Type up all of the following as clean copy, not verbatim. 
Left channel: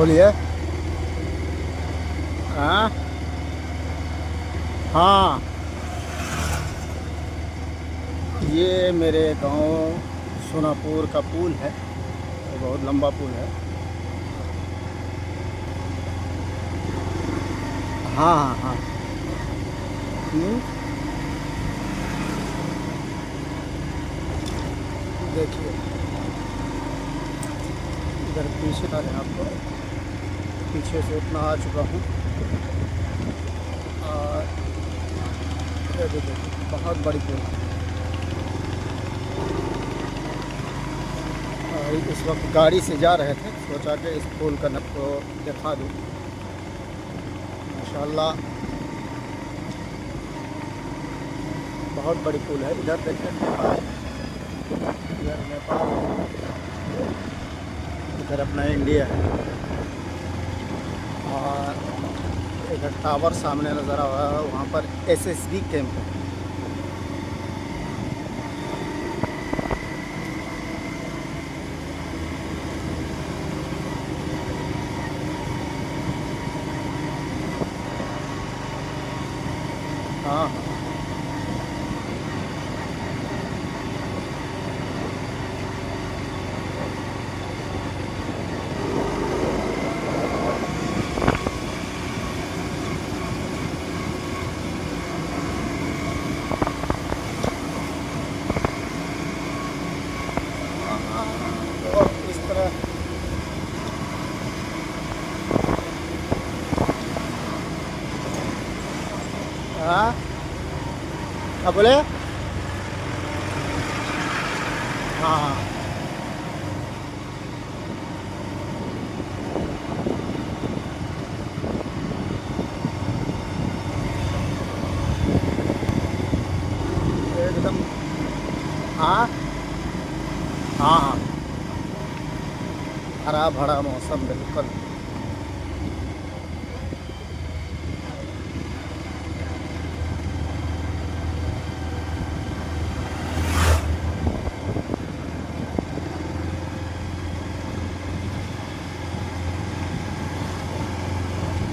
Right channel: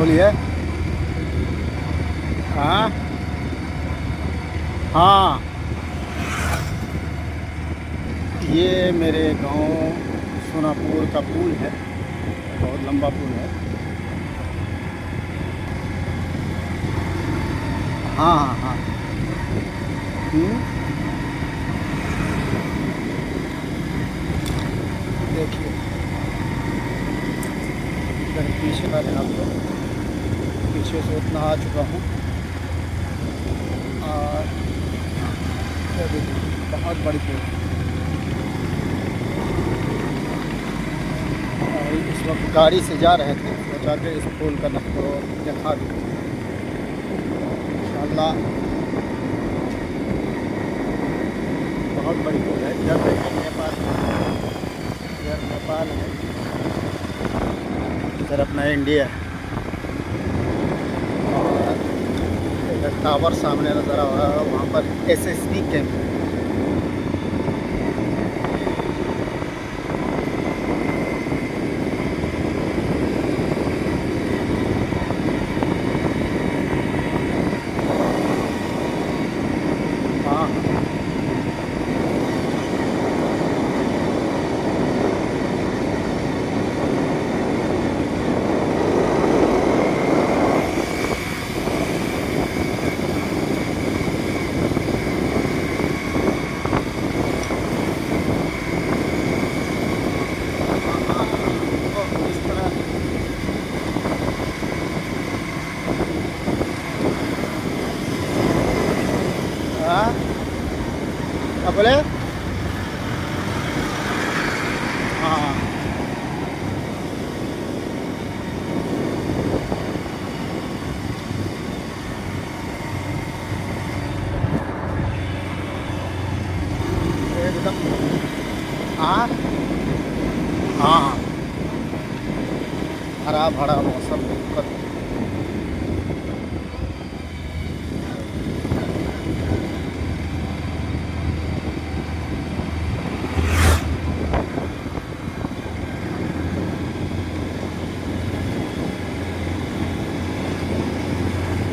बोलिए। हाँ हाँ, ये मेरे गांव सोनापुर का पुल है, बहुत लंबा पुल है। हाँ हाँ हाँ। हम्म, देखिए इधर पीछे का है आपको, पीछे से उतना आ चुका हूँ। और ये भी देखिए बहुत बड़ी पुल है। और इस वक्त गाड़ी से जा रहे थे, सोचा कि इस पुल का आपको दिखा दूँ इंशाल्लाह। बहुत बड़ी पुल है। इधर देखिए नेपाल, इधर नेपाल है, इधर अपना इंडिया है। और इधर टावर सामने नज़र आ रहा है, वहाँ पर एसएसबी कैंप है। हाँ हाँ। तो इस तरह हाँ, क्या बोले? हाँ हाँ। एकदम। हाँ हाँ हाँ, हरा भरा मौसम बिल्कुल।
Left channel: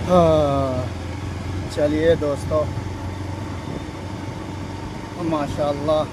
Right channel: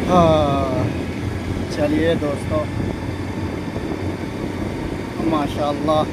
हाँ, चलिए दोस्तों, माशाल्लाह